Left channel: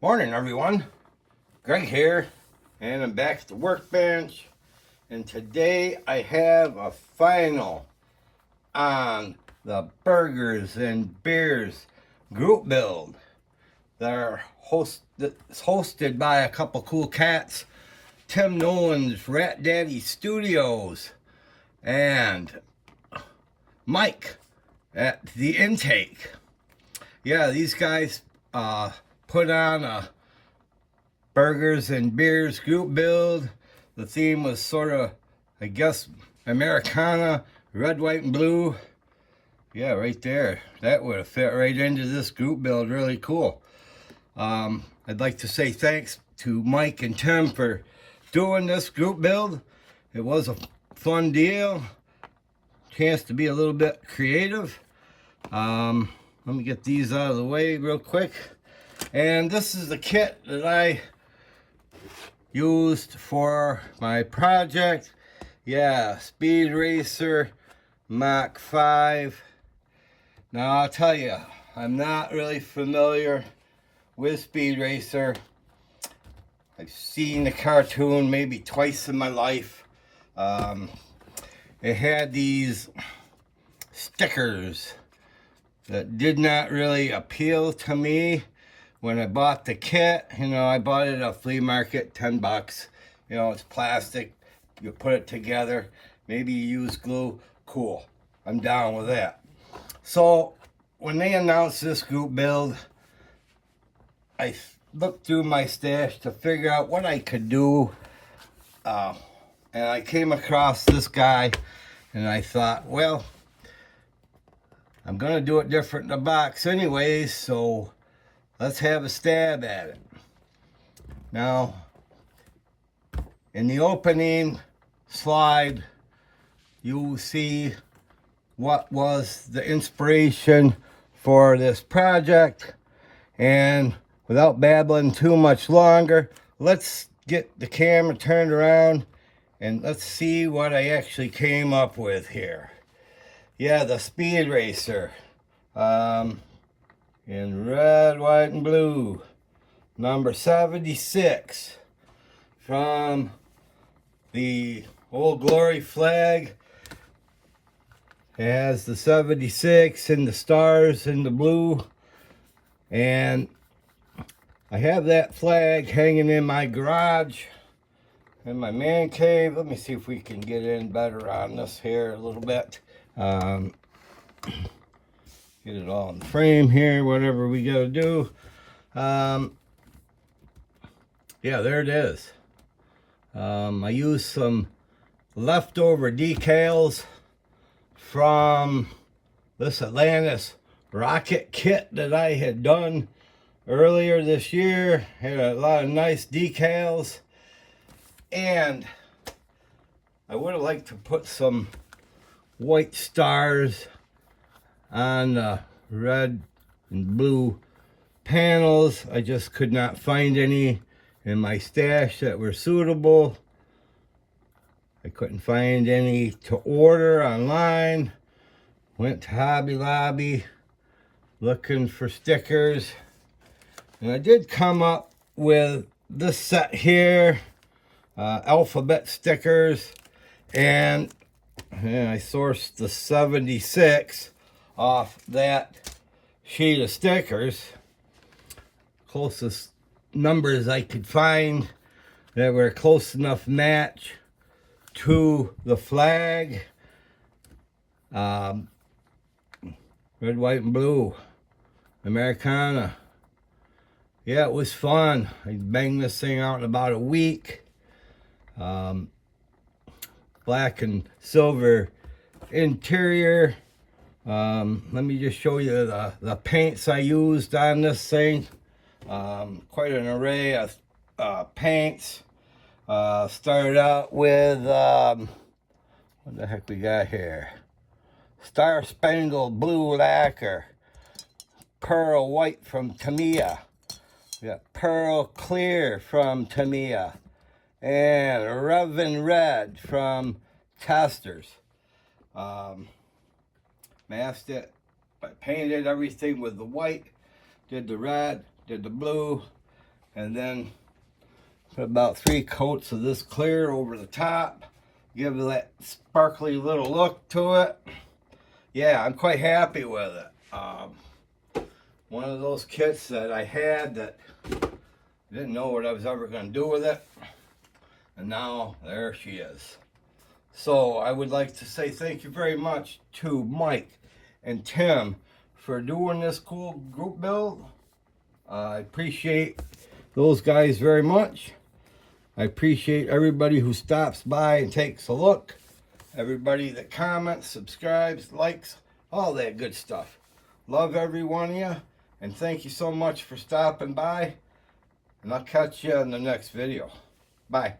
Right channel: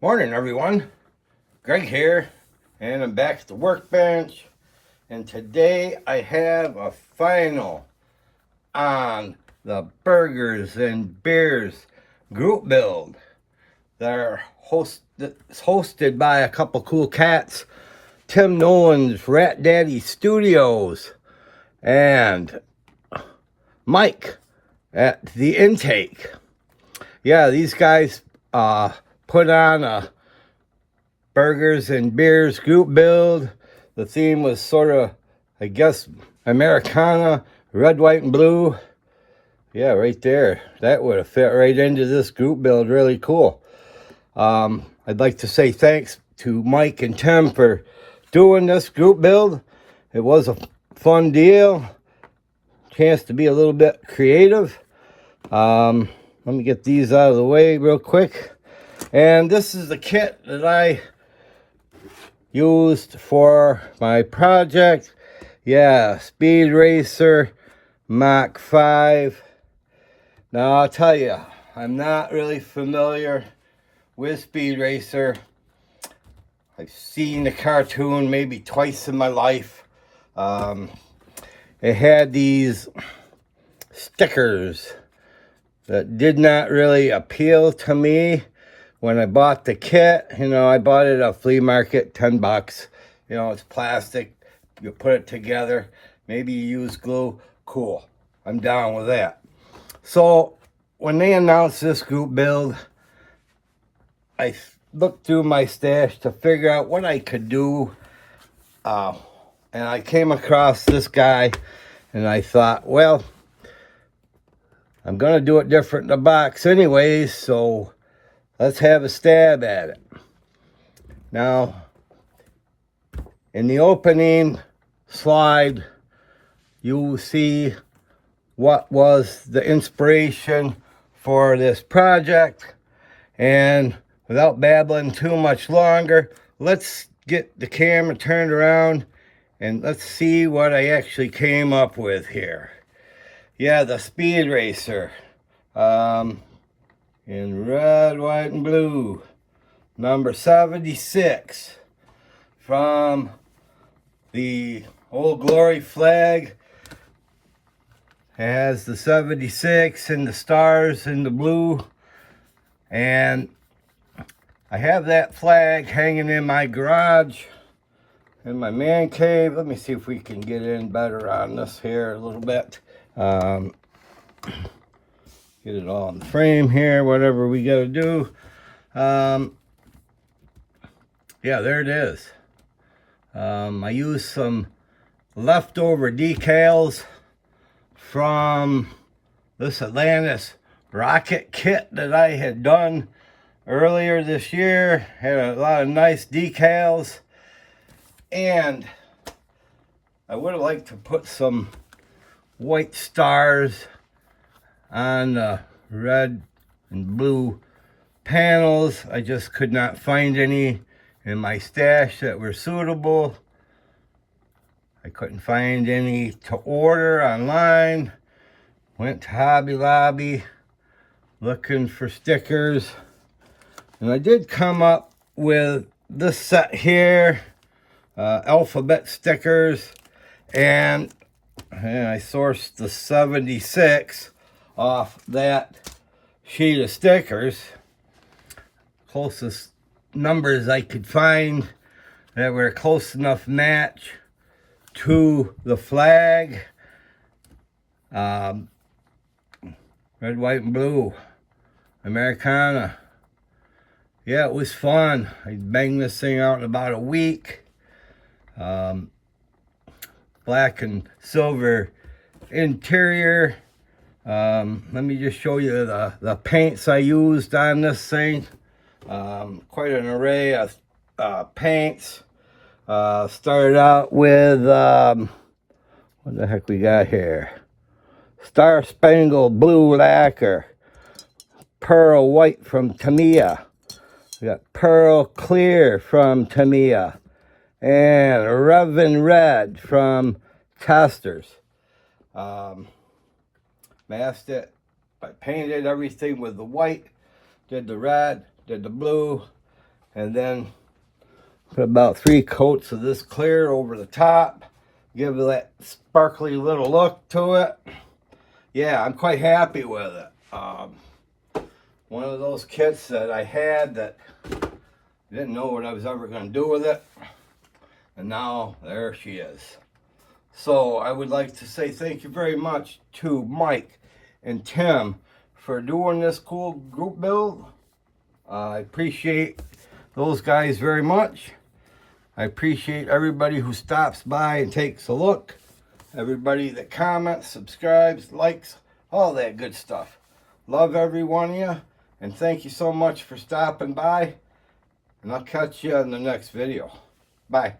Morning, everyone. Greg here, and I'm back at the workbench. And today I have a final on the Burgers and Beers group build that are hosted by a couple cool cats, Tim Nolan's Rat Daddy Studios and Mike at The Intake. Yeah, these guys put on a Burgers and Beers group build. The theme was sort of, I guess, Americana, red, white, and blue. Yeah, right there. That would have fit right into this group build. Really cool. I'd like to say thanks to Mike and Tim for doing this group build. It was a fun deal. Chance to be a little bit creative. Let me get these out of the way real quick. And this is the kit that I used for my project. Yeah, Speed Racer Mach 5. Now I'll tell you, I'm not really familiar with Speed Racer. I've seen the cartoon maybe twice in my life. It had these stickers that did not really appeal to me. When I bought the kit, I bought it at a flea market, 10 bucks. It's plastic. You put it together. Maybe you use glue. Cool. I'm down with that. So when they announced this group build, I looked through my stash to figure out what I could do. And I came across this guy, and I thought, well, I'm going to do it different in the box anyways, so let's have a stab at it. Now, in the opening slide, you will see what was the inspiration for this project. And without babbling too much longer, let's get the camera turned around and let's see what I actually came up with here. Yeah, the Speed Racer. In red, white, and blue. Number 76. From the Old Glory flag. It has the 76 and the stars in the blue. And I have that flag hanging in my garage, in my man cave. Let me see if we can get in better on this here a little bit. Get it all in the frame here, whatever we got to do. Yeah, there it is. I used some leftover decals from this Atlantis rocket kit that I had done earlier this year. Had a lot of nice decals. And I would have liked to put some white stars on the red and blue panels. I just could not find any in my stash that were suitable. I couldn't find any to order online. Went to Hobby Lobby looking for stickers. And I did come up with this set here, alphabet stickers. And I sourced the 76 off that sheet of stickers. Closest numbers I could find that were close enough match to the flag. Red, white, and blue. Americana. Yeah, it was fun. I banged this thing out in about a week. Black and silver interior. Let me just show you the paints I used on this thing. Quite an array of paints. Started out with, what the heck we got here? Star Spangled Blue Lacquer. Pearl White from Tamiya. We got Pearl Clear from Tamiya. And Revan Red from Costers. Masked it. I painted everything with the white. Did the red. Did the blue. and then put about 3 coats of this clear over the top. Give it that sparkly little look to it. Yeah, I'm quite happy with it. One of those kits that I had that didn't know what I was ever going to do with it. And now there she is. So I would like to say thank you very much to Mike and Tim for doing this cool group build. I appreciate those guys very much. I appreciate everybody who stops by and takes a look. Everybody that comments, subscribes, likes, all that good stuff. Love every one of you. And thank you so much for stopping by. And I'll catch you in the next video. Bye.